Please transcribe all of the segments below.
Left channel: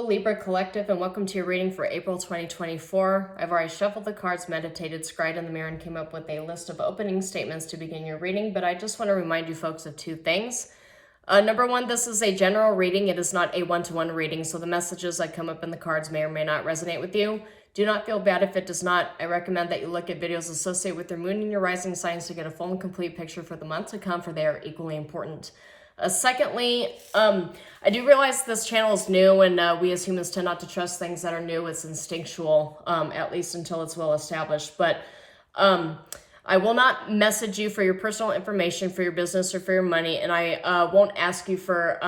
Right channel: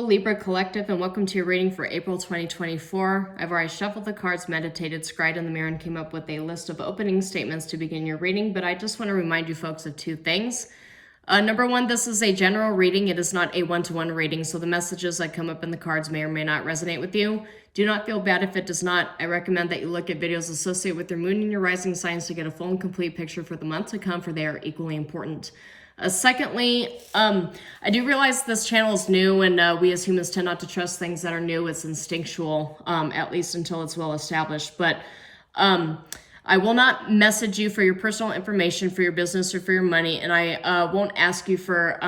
Hello, Libra Collective, and welcome to your reading for April 2024. I've already shuffled the cards, meditated, scried in the mirror, and came up with a list of opening statements to begin your reading, but I just want to remind you folks of two things. Number one, this is a general reading. It is not a one-to-one reading, so the messages that come up in the cards may or may not resonate with you. Do not feel bad if it does not. I recommend that you look at videos associated with your moon and your rising signs to get a full and complete picture for the month to come, for they are equally important. Secondly, I do realize this channel is new, and we as humans tend not to trust things that are new. It's instinctual, at least until it's well established. But I will not message you for your personal information, for your business, or for your money, and I won't ask you for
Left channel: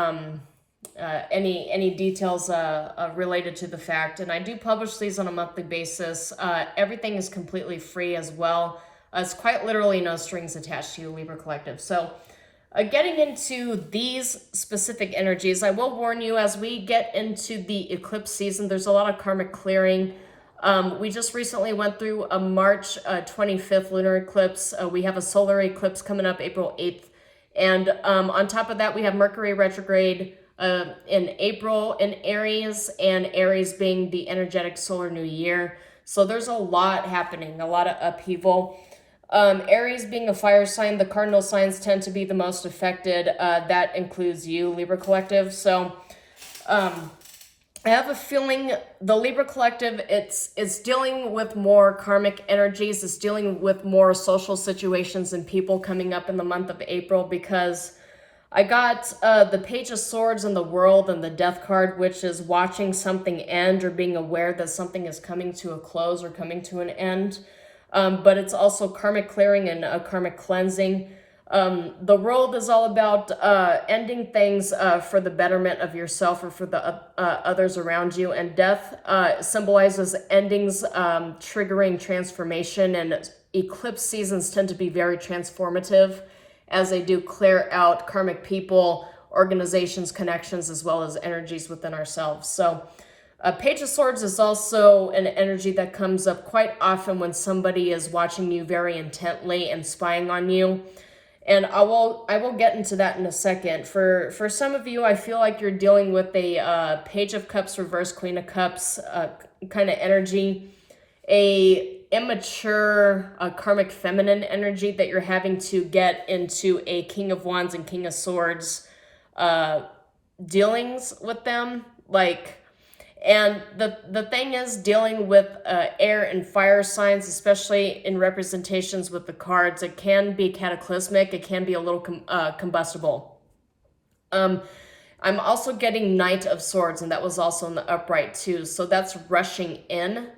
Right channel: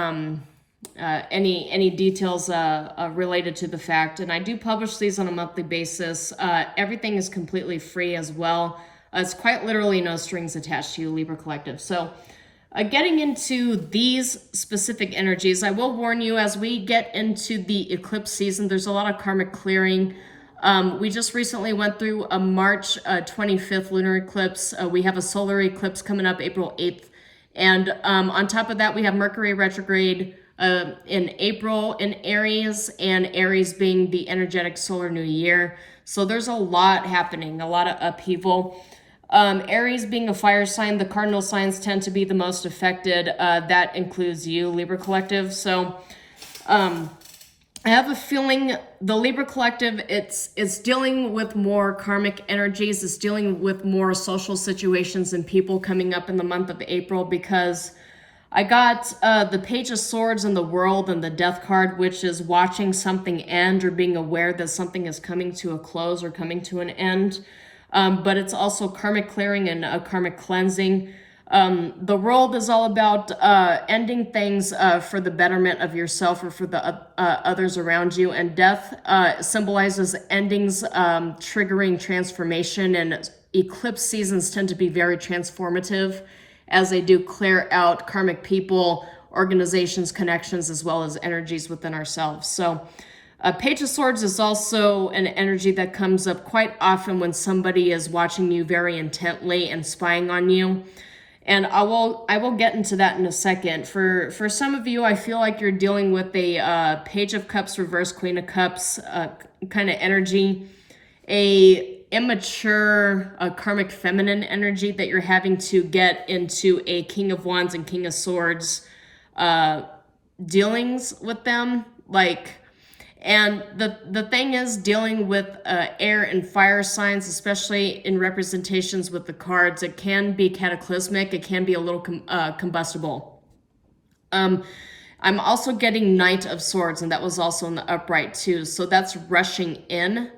any details related to the fact. And I do publish these on a monthly basis. Everything is completely free as well. It's quite literally no strings attached to you, Libra Collective. So getting into these specific energies, I will warn you, as we get into the eclipse season, there's a lot of karmic clearing. We just recently went through a March 25th lunar eclipse. We have a solar eclipse coming up April 8th. And on top of that, we have Mercury retrograde in April in Aries, and Aries being the energetic solar new year. So there's a lot happening, a lot of upheaval. Aries being a fire sign, the cardinal signs tend to be the most affected. That includes you, Libra Collective. So I have a feeling the Libra Collective, it's dealing with more karmic energies. It's dealing with more social situations and people coming up in the month of April, because I got the Page of Swords in the World and the Death card, which is watching something end or being aware that something is coming to a close or coming to an end. But it's also karmic clearing and karmic cleansing. The World is all about ending things for the betterment of yourself or for the others around you. And Death symbolizes endings, triggering transformation. And eclipse seasons tend to be very transformative, as they do clear out karmic people, organizations, connections, as well as energies within ourselves. So Page of Swords is also an energy that comes up quite often when somebody is watching you very intently and spying on you. And I will get into that in a second. For some of you, I feel like you're dealing with a Page of Cups reverse Queen of Cups kind of energy, a immature karmic feminine energy that you're having to get into a King of Wands and King of Swords dealings with them. And the thing is, dealing with air and fire signs, especially in representations with the cards, it can be cataclysmic. It can be a little combustible. I'm also getting Knight of Swords, and that was also in the upright too. So that's rushing in.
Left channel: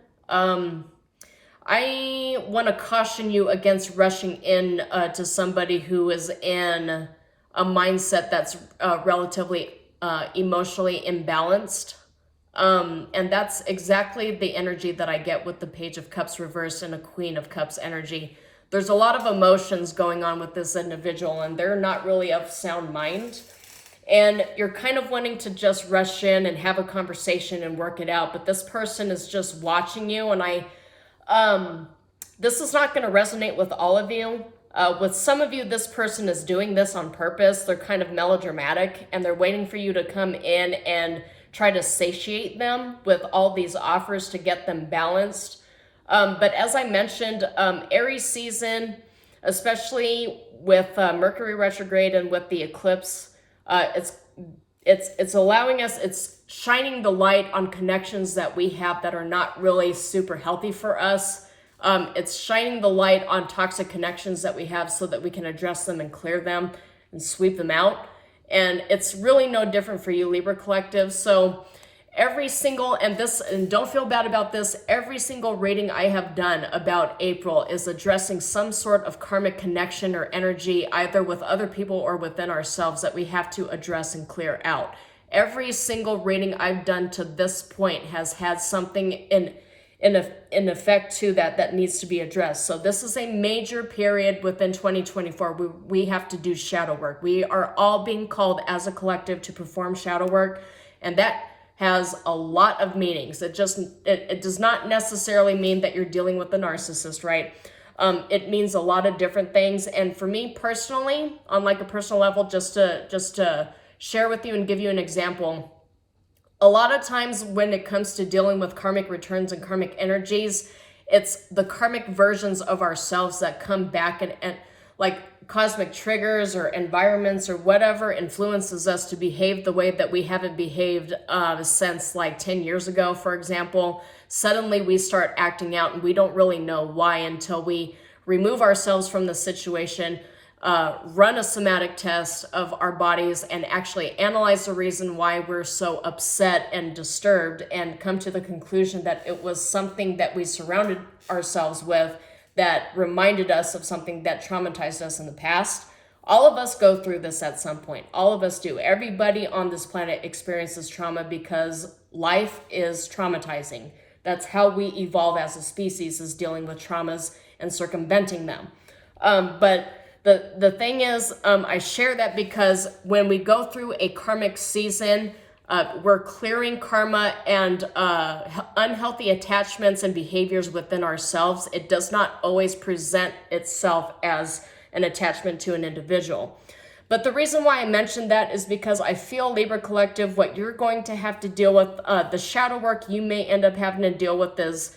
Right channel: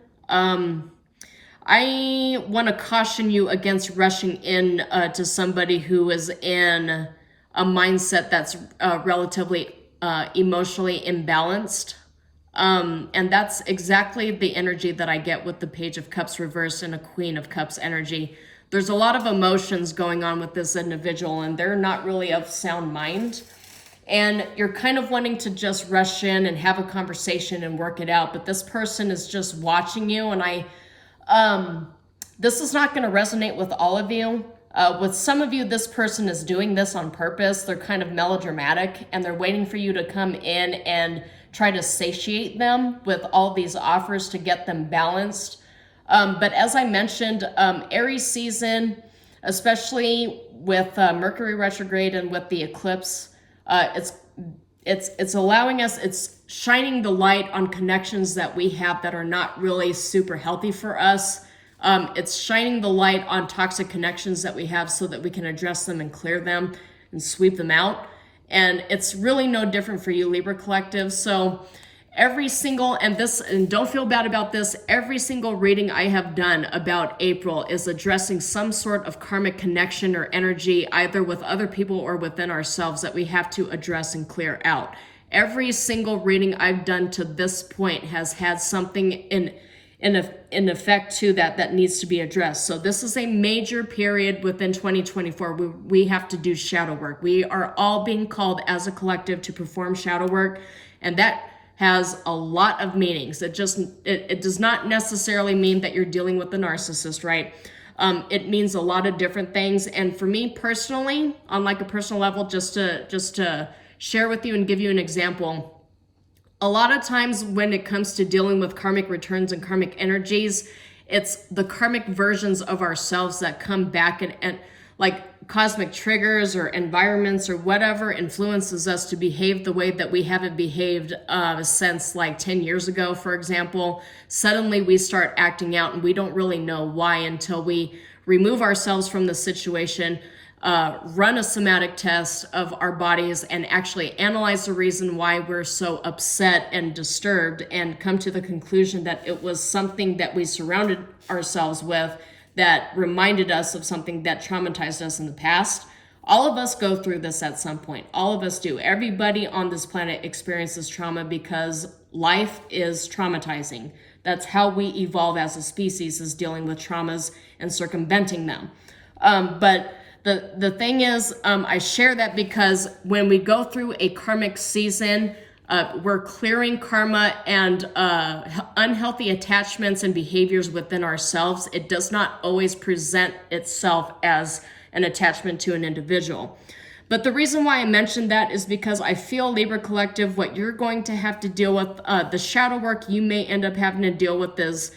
I want to caution you against rushing in to somebody who is in a mindset that's relatively emotionally imbalanced. And that's exactly the energy that I get with the Page of Cups reversed and a Queen of Cups energy. There's a lot of emotions going on with this individual, and they're not really of sound mind. And you're kind of wanting to just rush in and have a conversation and work it out, but this person is just watching you, and this is not going to resonate with all of you. With some of you, this person is doing this on purpose. They're kind of melodramatic, and they're waiting for you to come in and try to satiate them with all these offers to get them balanced. But as I mentioned, Aries season, especially with Mercury retrograde and with the eclipse, it's allowing us, it's shining the light on connections that we have that are not really super healthy for us. It's shining the light on toxic connections that we have so that we can address them and clear them and sweep them out. And it's really no different for you, Libra Collective. So every single, and don't feel bad about this, every single reading I have done about April is addressing some sort of karmic connection or energy, either with other people or within ourselves, that we have to address and clear out. Every single reading I've done to this point has had something in effect to that needs to be addressed. So this is a major period within 2024. We have to do shadow work. We are all being called as a collective to perform shadow work, and that has a lot of meanings. It does not necessarily mean that you're dealing with a narcissist, right? It means a lot of different things. And for me personally, on like a personal level, just to share with you and give you an example, A lot of times when it comes to dealing with karmic returns and karmic energies, it's the karmic versions of ourselves that come back and like cosmic triggers or environments or whatever influences us to behave the way that we haven't behaved since like 10 years ago, for example. Suddenly we start acting out and we don't really know why until we remove ourselves from the situation, run a somatic test of our bodies and actually analyze the reason why we're so upset and disturbed, and come to the conclusion that it was something that we surrounded ourselves with that reminded us of something that traumatized us in the past. All of us go through this at some point. All of us do. Everybody on this planet experiences trauma because life is traumatizing. That's how we evolve as a species, is dealing with traumas and circumventing them. But the thing is, I share that because when we go through a karmic season, we're clearing karma and unhealthy attachments and behaviors within ourselves. It does not always present itself as an attachment to an individual. But the reason why I mentioned that is because I feel, Libra Collective, what you're going to have to deal with, the shadow work you may end up having to deal with is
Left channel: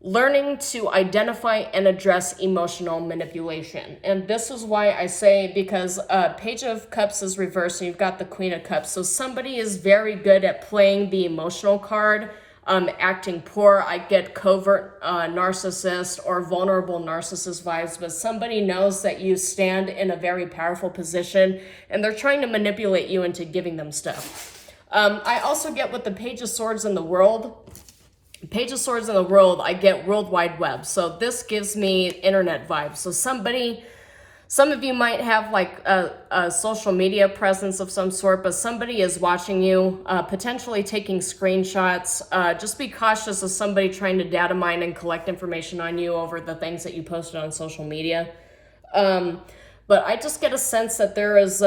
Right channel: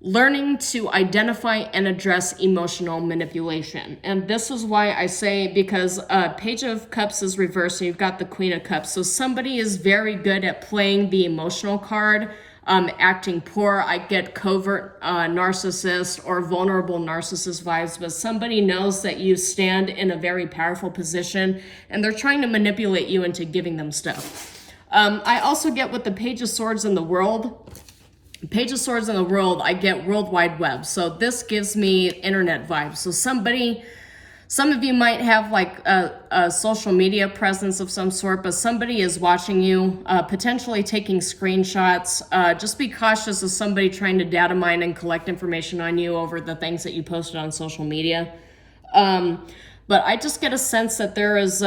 learning to identify and address emotional manipulation. And this is why I say, because Page of Cups is reversed and you've got the Queen of Cups. So somebody is very good at playing the emotional card, acting poor. I get covert narcissist or vulnerable narcissist vibes, but somebody knows that you stand in a very powerful position and they're trying to manipulate you into giving them stuff. I also get, with the Page of Swords in the World, Page of Swords in the World, I get World Wide Web. So this gives me internet vibes. So some of you might have like a social media presence of some sort, but somebody is watching you, potentially taking screenshots. Just be cautious of somebody trying to data mine and collect information on you over the things that you posted on social media. But I just get a sense that there is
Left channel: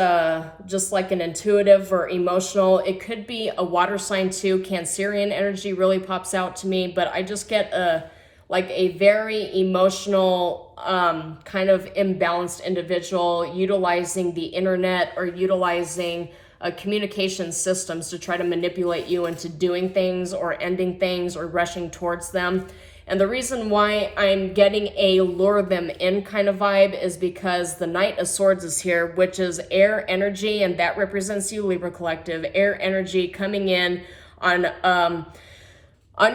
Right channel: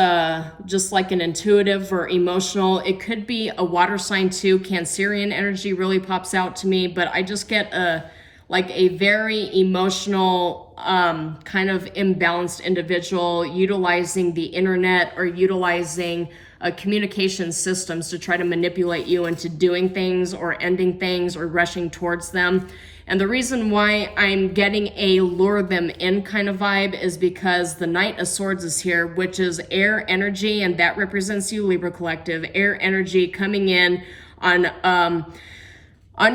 just like an intuitive or emotional, it could be a water sign too. Cancerian energy really pops out to me, but I just get like a very emotional, kind of imbalanced individual utilizing the internet or utilizing communication systems to try to manipulate you into doing things or ending things or rushing towards them. And the reason why I'm getting a lure them in kind of vibe is because the Knight of Swords is here, which is air energy, and that represents you, Libra Collective. Air energy coming in on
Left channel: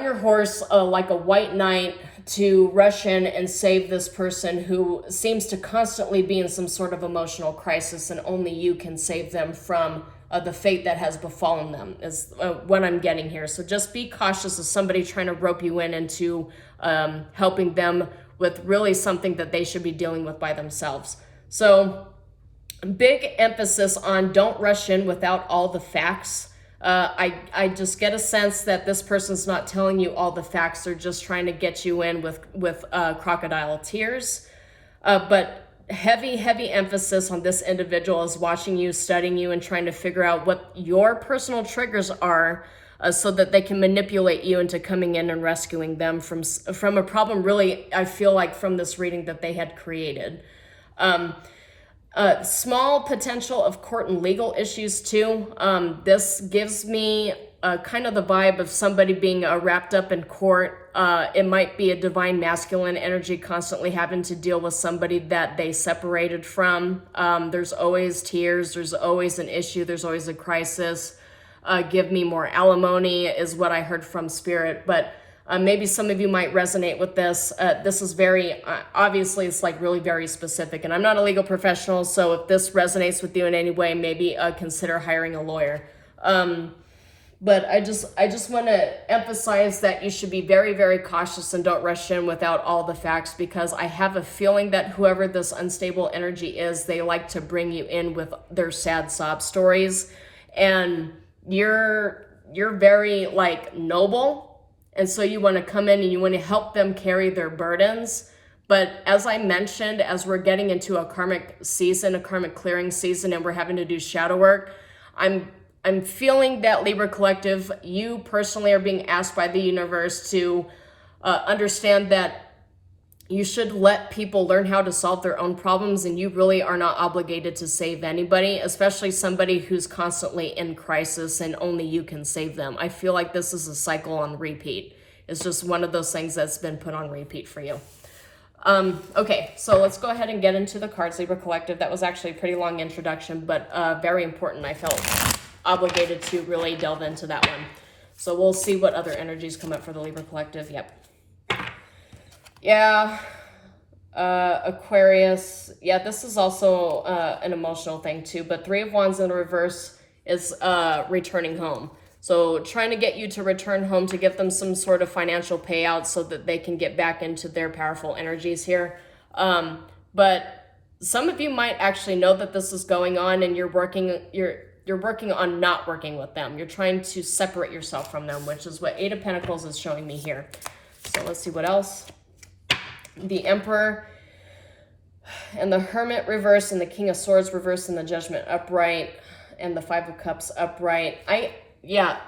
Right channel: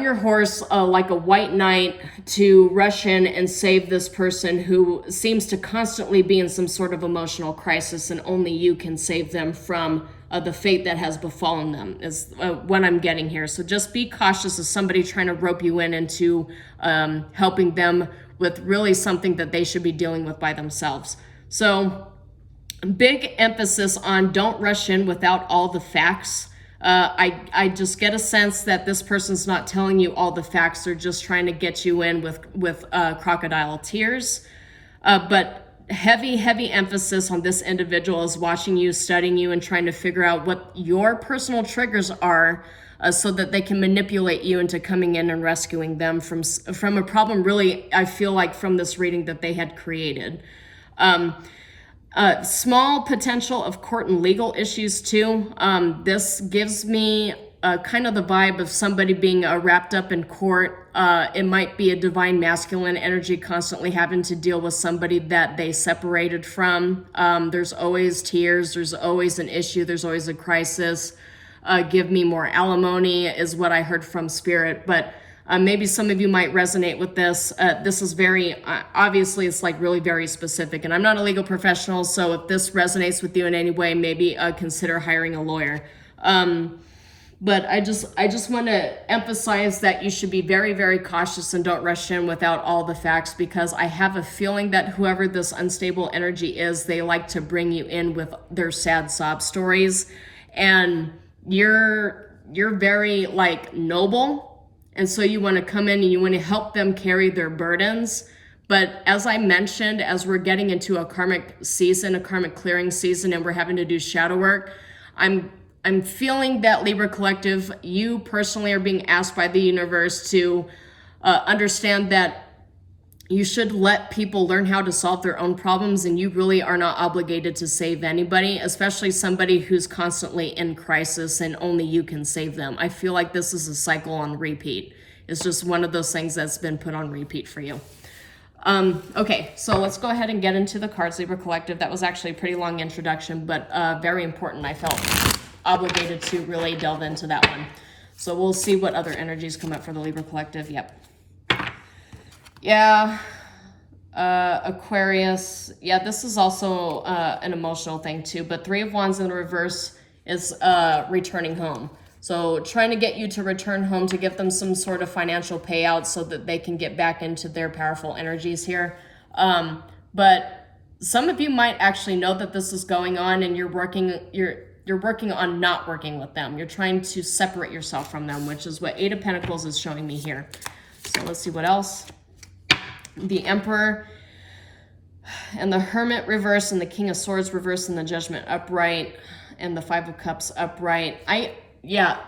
your horse like a white knight to rush in and save this person who seems to constantly be in some sort of emotional crisis, and only you can save them from the fate that has befallen them, is what I'm getting here. So just be cautious of somebody trying to rope you in into helping them with really something that they should be dealing with by themselves. So big emphasis on don't rush in without all the facts. I just get a sense that this person's not telling you all the facts. They're just trying to get you in with crocodile tears. But heavy emphasis on this individual is watching you, studying you, and trying to figure out what your personal triggers are, so that they can manipulate you into coming in and rescuing them from a problem, really, I feel like, from this reading that they had created. Small potential of court and legal issues too. This gives me kind of the vibe of somebody being wrapped up in court. It might be a divine masculine energy constantly having to deal with somebody that they separated from. There's always tears. There's always an issue. There's always a crisis. Give me more alimony is what I heard from Spirit. But maybe some of you might resonate with this. This is very, obviously it's like really very specific, and I'm not a legal professional, so if this resonates with you in any way, maybe consider hiring a lawyer. But I just want to emphasize that you should be very cautious and don't rush in without all the facts, because I have a feeling that whoever this unstable energy is, they like to bring you in with their sad sob stories, and you're very like noble, and so you want to come in and you want to help them carry their burdens. But as I mentioned, as we're getting into a karmic season, a karmic clearing season, and we're having to do shadow work, I'm feeling that, Libra Collective, you personally are being asked by the universe to understand that You should let people learn how to solve their own problems, and you really are not obligated to save anybody, especially somebody who's constantly in crisis and only you can save them. I feel like this is a cycle on repeat. It's just one of those things that's been put on repeat for you. Okay, so let's go ahead and get into the cards, Libra Collective. That was actually a pretty long introduction, but very important. I felt obligated to really delve into that one. So we'll see what other energies come up for the Libra Collective. Yep. Yeah, Aquarius. Yeah, this is also an emotional thing too, but Three of Wands in the reverse is returning home. So trying to get you to return home to give them some sort of financial payout so that they can get back into their powerful energies here. But some of you might actually know that this is going on, and you're working on not working with them. You're trying to separate yourself from them, which is what Eight of Pentacles is showing me here. So let's see what else. The Emperor and the Hermit reverse, and the King of Swords reverse, and the Judgment upright, and the Five of Cups upright. Yeah,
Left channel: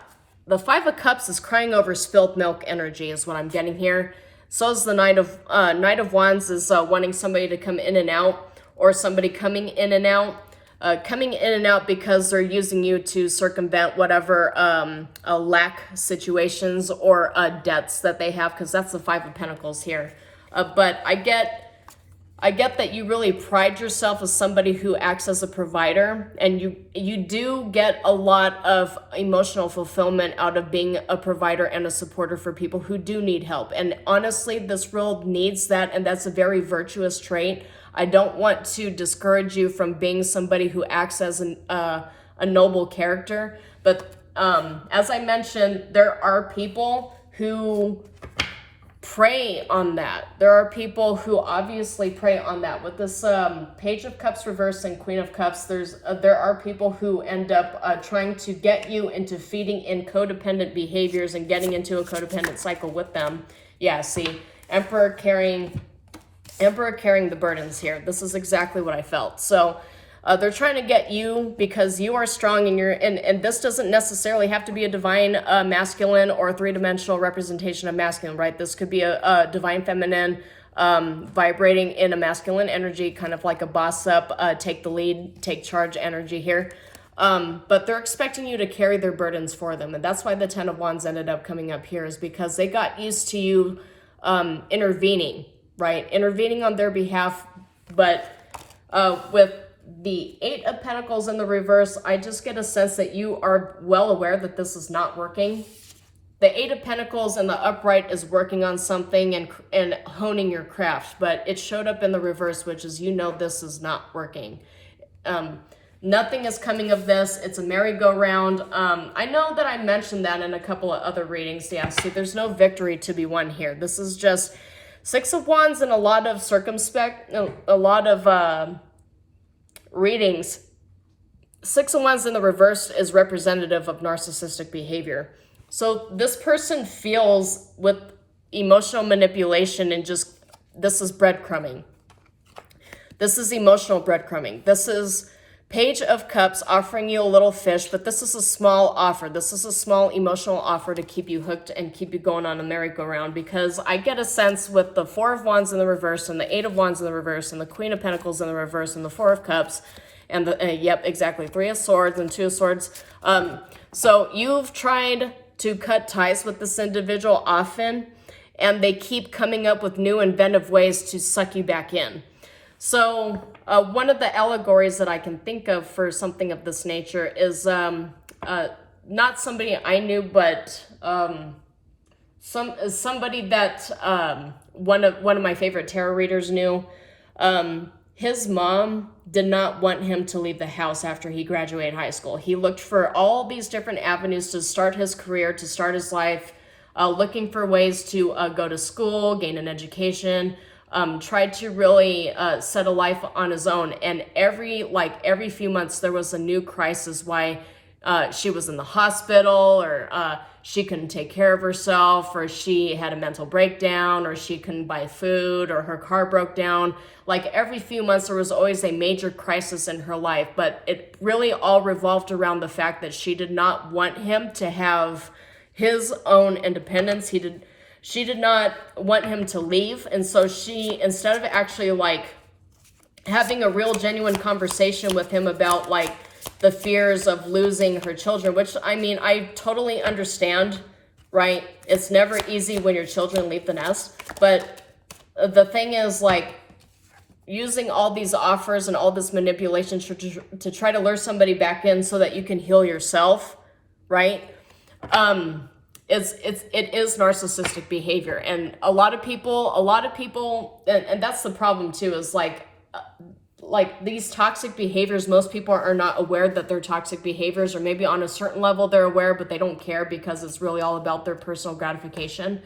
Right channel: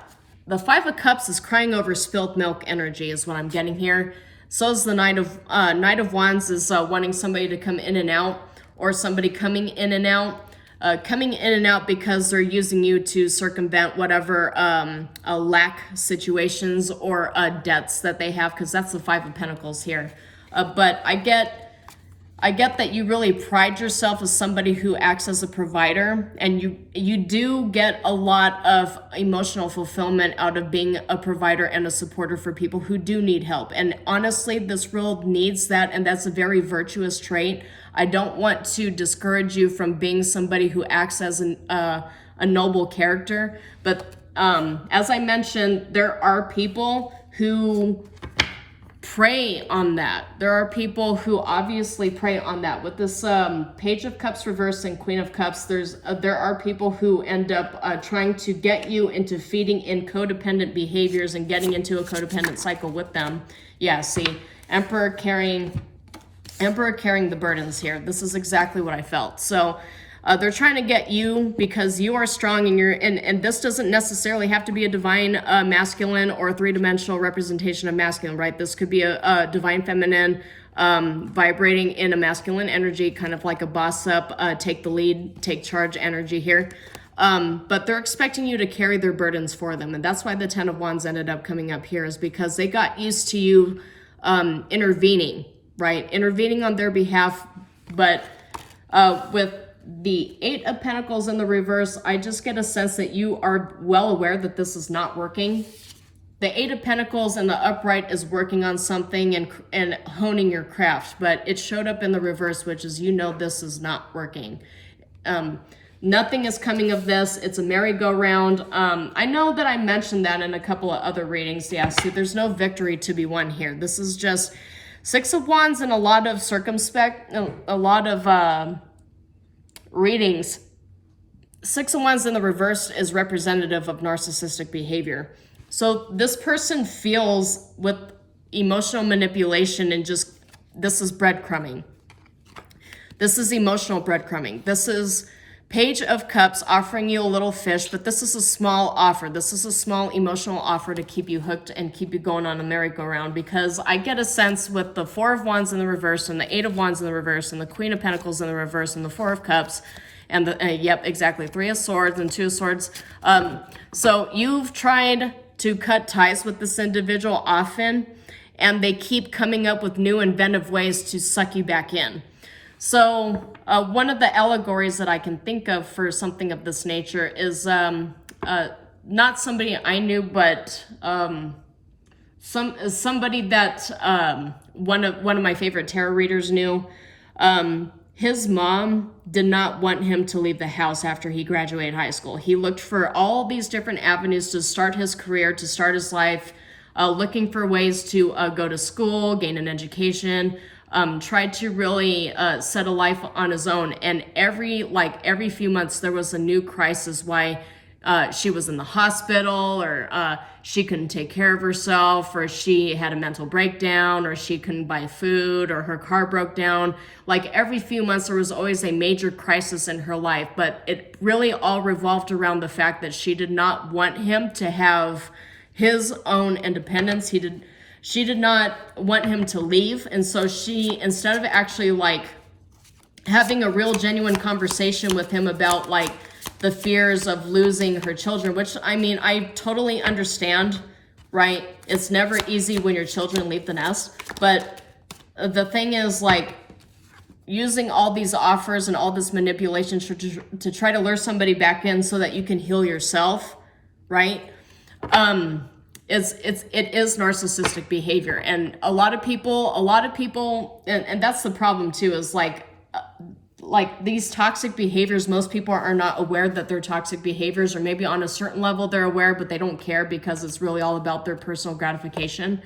the Five of Cups is crying over spilled milk energy is what I'm getting here. So is the Knight of Wands is wanting somebody to come in and out, or somebody coming in and out because they're using you to circumvent whatever lack situations or debts that they have, because that's the Five of Pentacles here. But I get that you really pride yourself as somebody who acts as a provider, and you do get a lot of emotional fulfillment out of being a provider and a supporter for people who do need help. And honestly, this world needs that, and that's a very virtuous trait. I don't want to discourage you from being somebody who acts as a noble character, but as I mentioned, there are people who prey on that. There are people who obviously prey on that. With this Page of Cups reverse and Queen of Cups, there are people who end up trying to get you into feeding in codependent behaviors and getting into a codependent cycle with them. Yeah, see, Emperor carrying the burdens here. This is exactly what I felt. So they're trying to get you because you are strong, and this doesn't necessarily have to be a divine masculine or a three-dimensional representation of masculine, right? This could be a divine feminine vibrating in a masculine energy, kind of like a boss up, take the lead, take charge energy here. But they're expecting you to carry their burdens for them. And that's why the Ten of Wands ended up coming up here, is because they got used to you intervening, right? Intervening on their behalf. But with the Eight of Pentacles in the reverse, I just get a sense that you are well aware that this is not working. The Eight of Pentacles in the upright is working on something and honing your craft, but it showed up in the reverse, which is, you know, this is not working. Nothing is coming of this. It's a merry-go-round. I know that I mentioned that in a couple of other readings. Yeah, so there's no victory to be won here. This is just Six of Wands and a lot of readings. Six of Wands in the reverse is representative of narcissistic behavior. So this person feels with emotional manipulation, and just, this is breadcrumbing. This is emotional breadcrumbing. This is Page of Cups offering you a little fish, but this is a small offer. This is a small emotional offer to keep you hooked and keep you going on a merry-go-round, because I get a sense with the Four of Wands in the reverse and the Eight of Wands in the reverse and the Queen of Pentacles in the reverse and the Four of Cups and the, yep, exactly, Three of Swords and Two of Swords. So you've tried to cut ties with this individual often, and they keep coming up with new inventive ways to suck you back in. So one of the allegories that I can think of for something of this nature is not somebody I knew, but somebody that one of my favorite tarot readers knew. His mom did not want him to leave the house after he graduated high school. He looked for all these different avenues to start his career, to start his life, looking for ways to go to school, gain an education, tried to really set a life on his own. And every few months there was a new crisis, why she was in the hospital, or she couldn't take care of herself, or she had a mental breakdown, or she couldn't buy food, or her car broke down. Like every few months there was always a major crisis in her life, but it really all revolved around the fact that she did not want him to have his own independence. She did not want him to leave. And so she, instead of actually like having a real genuine conversation with him about like the fears of losing her children, which I mean, I totally understand, right? It's never easy when your children leave the nest. But the thing is, like, using all these offers and all this manipulation to try to lure somebody back in so that you can heal yourself, right? It is narcissistic behavior. And a lot of people, and that's the problem too, is like these toxic behaviors, most people are not aware that they're toxic behaviors, or maybe on a certain level they're aware, but they don't care because it's really all about their personal gratification.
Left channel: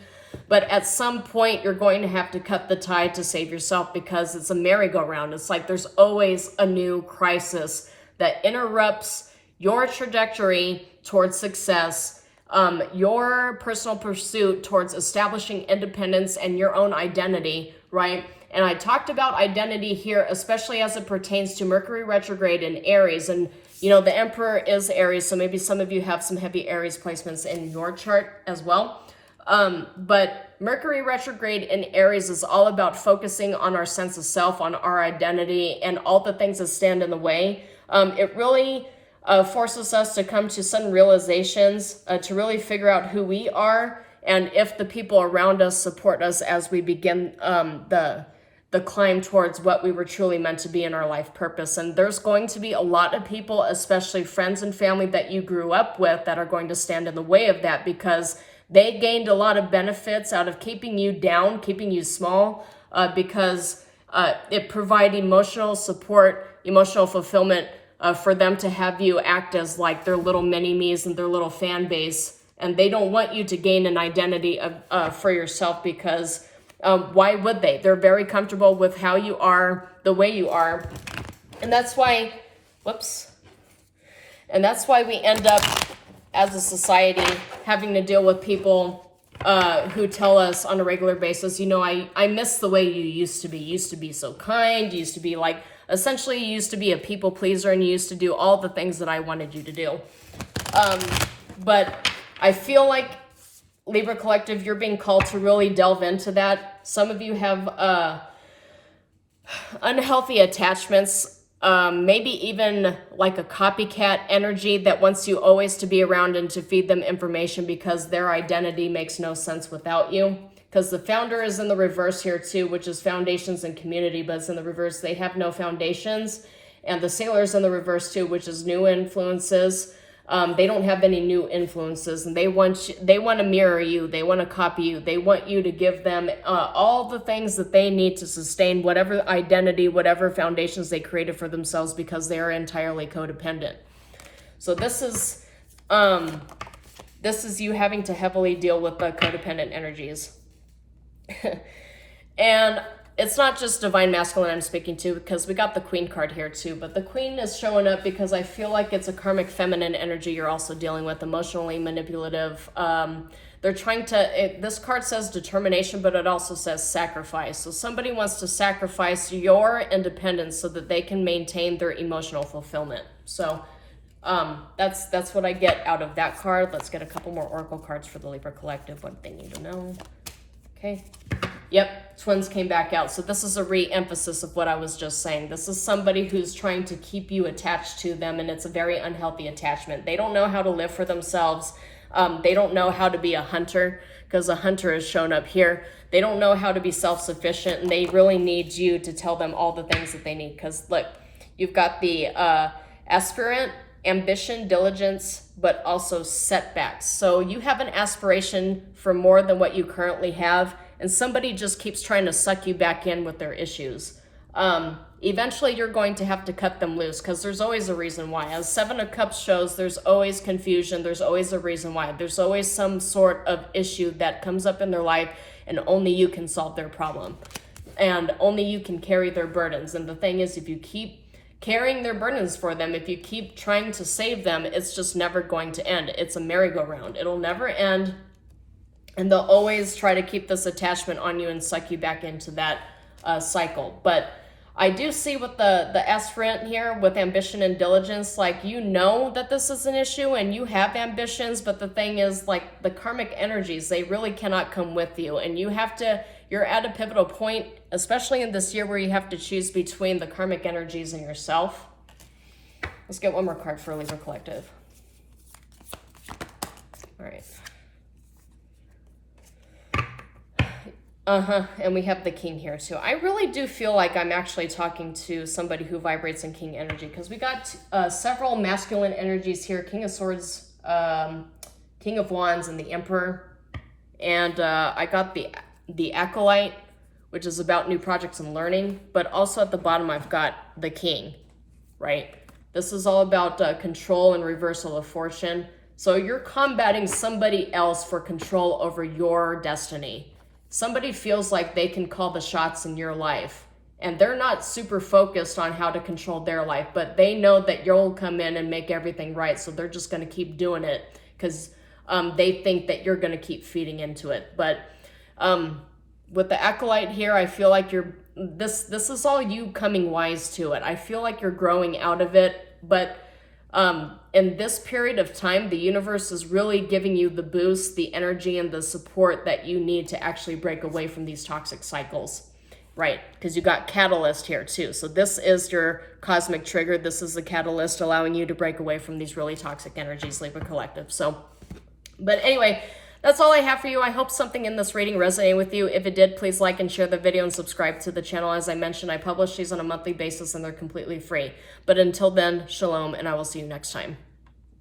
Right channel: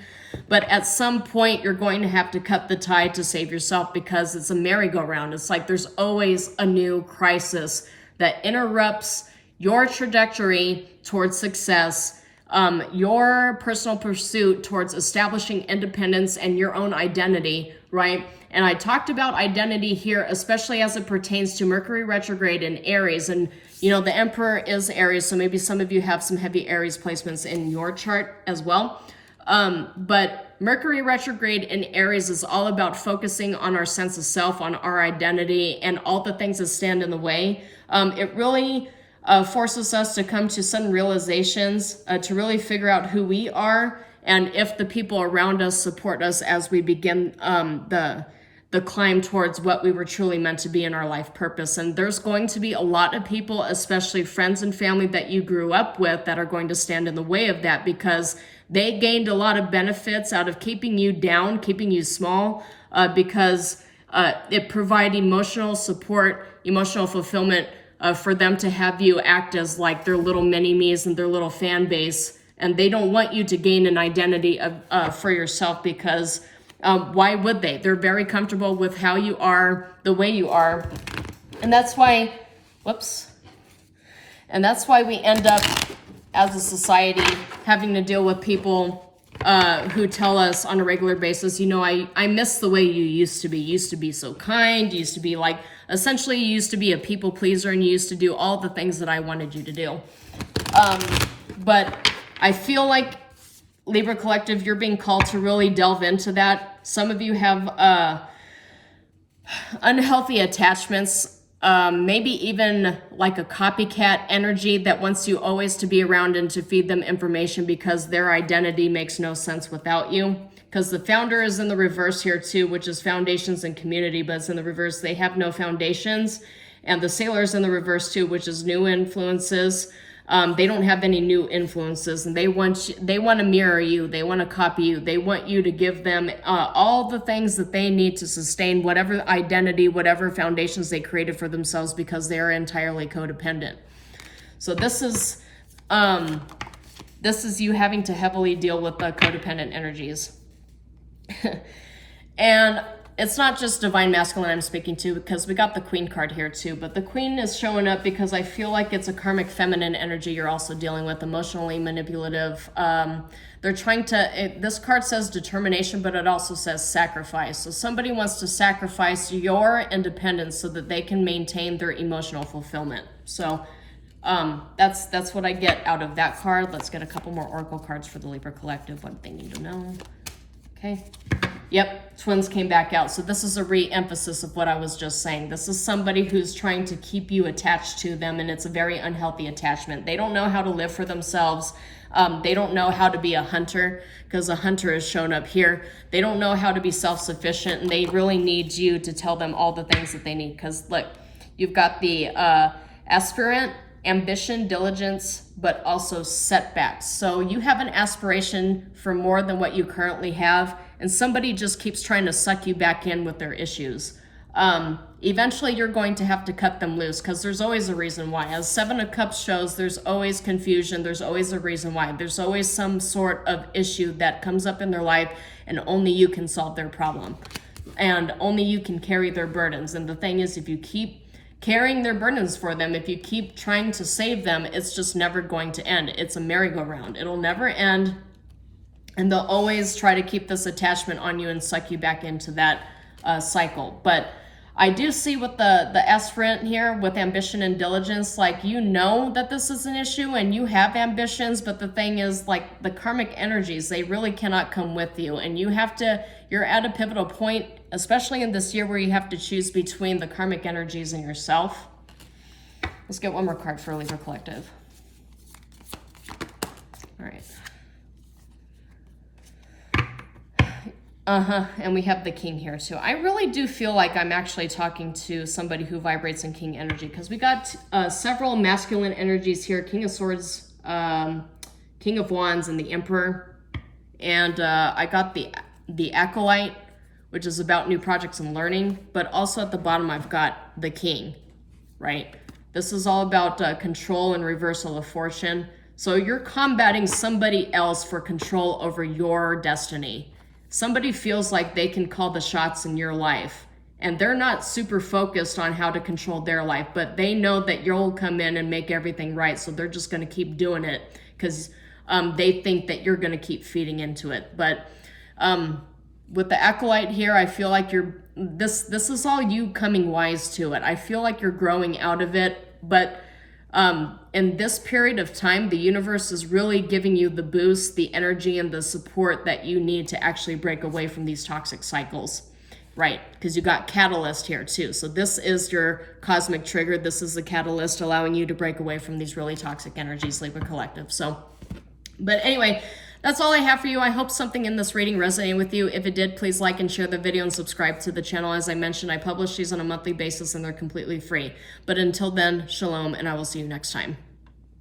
But at some point, you're going to have to cut the tie to save yourself, because it's a merry-go-round. It's like there's always a new crisis that interrupts your trajectory towards success, your personal pursuit towards establishing independence and your own identity, right? And I talked about identity here, especially as it pertains to Mercury retrograde in Aries. And, you know, the Emperor is Aries, so maybe some of you have some heavy Aries placements in your chart as well. But Mercury retrograde in Aries is all about focusing on our sense of self, on our identity, and all the things that stand in the way. It really forces us to come to some realizations, to really figure out who we are, and if the people around us support us as we begin the climb towards what we were truly meant to be in our life purpose. And there's going to be a lot of people, especially friends and family that you grew up with, that are going to stand in the way of that, because they gained a lot of benefits out of keeping you down, keeping you small, because it provided emotional support, emotional fulfillment for them to have you act as like their little mini-me's and their little fan base. And they don't want you to gain an identity for yourself, because why would they? They're very comfortable with how you are, the way you are. And that's why, and that's why we end up as a society having to deal with people who tell us on a regular basis, you know, I miss the way you used to be. You used to be so kind. You used to be like, essentially you used to be a people pleaser, and you used to do all the things that I wanted you to do. But I feel like Libra Collective, you're being called to really delve into that. Some of you have unhealthy attachments, maybe even like a copycat energy that wants you always to be around and to feed them information, because their identity makes no sense without you. Because the Founder is in the reverse here too, which is foundations and community, but it's in the reverse. They have no foundations. And the Sailor's in the reverse too, which is new influences. They don't have any new influences, and they want to mirror you. They want to copy you. They want you to give them all the things that they need to sustain whatever identity, whatever foundations they created for themselves, because they are entirely codependent. So this is you having to heavily deal with the codependent energies. And it's not just divine masculine I'm speaking to, because we got the Queen card here too, but the Queen is showing up because I feel like it's a karmic feminine energy you're also dealing with, emotionally manipulative. They're trying to, this card says determination, but it also says sacrifice. So somebody wants to sacrifice your independence so that they can maintain their emotional fulfillment. So that's what I get out of that card. Let's get a couple more oracle cards for the Libra Collective, what they need to know. Okay. Yep, twins came back out. So this is a re-emphasis of what I was just saying. This is somebody who's trying to keep you attached to them, and it's a very unhealthy attachment. They don't know how to live for themselves. They don't know how to be a hunter, because a hunter has shown up here. They don't know how to be self-sufficient, and they really need you to tell them all the things that they need. Because look, you've got the aspirant, ambition, diligence, but also setbacks. So you have an aspiration for more than what you currently have, and somebody just keeps trying to suck you back in with their issues. Eventually you're going to have to cut them loose, because there's always a reason why. As Seven of Cups shows, there's always confusion, there's always a reason why. There's always some sort of issue that comes up in their life, and only you can solve their problem. And only you can carry their burdens. And the thing is, if you keep carrying their burdens for them, if you keep trying to save them, it's just never going to end. It's a merry-go-round. It'll never end. And they'll always try to keep this attachment on you and suck you back into that cycle. But I do see with the S friend here with ambition and diligence, like, you know that this is an issue and you have ambitions, but the thing is, like, the karmic energies, they really cannot come with you. And you're at a pivotal point, especially in this year, where you have to choose between the karmic energies and yourself. Let's get one more card for Libra Collective. All right. And we have the King here too. I really do feel like I'm actually talking to somebody who vibrates in King energy, because we got several masculine energies here: King of Swords, King of Wands, and the Emperor. And I got the Acolyte, which is about new projects and learning. But also at the bottom, I've got the King, right? This is all about control and reversal of fortune. So you're combating somebody else for control over your destiny. Somebody feels like they can call the shots in your life, and they're not super focused on how to control their life, but they know that you'll come in and make everything right. So they're just going to keep doing it because they think that you're going to keep feeding into it. But with the Acolyte here, I feel like this is all you coming wise to it. I feel like you're growing out of it, but in this period of time, the universe is really giving you the boost, the energy, and the support that you need to actually break away from these toxic cycles, right? Because you got Catalyst here too. So this is your cosmic trigger. This is the catalyst allowing you to break away from these really toxic energies, Libra Collective. So, but anyway, that's all I have for you. I hope something in this reading resonated with you. If it did, please like and share the video and subscribe to the channel. As I mentioned, I publish these on a monthly basis and they're completely free. But until then, shalom, and I will see you next time.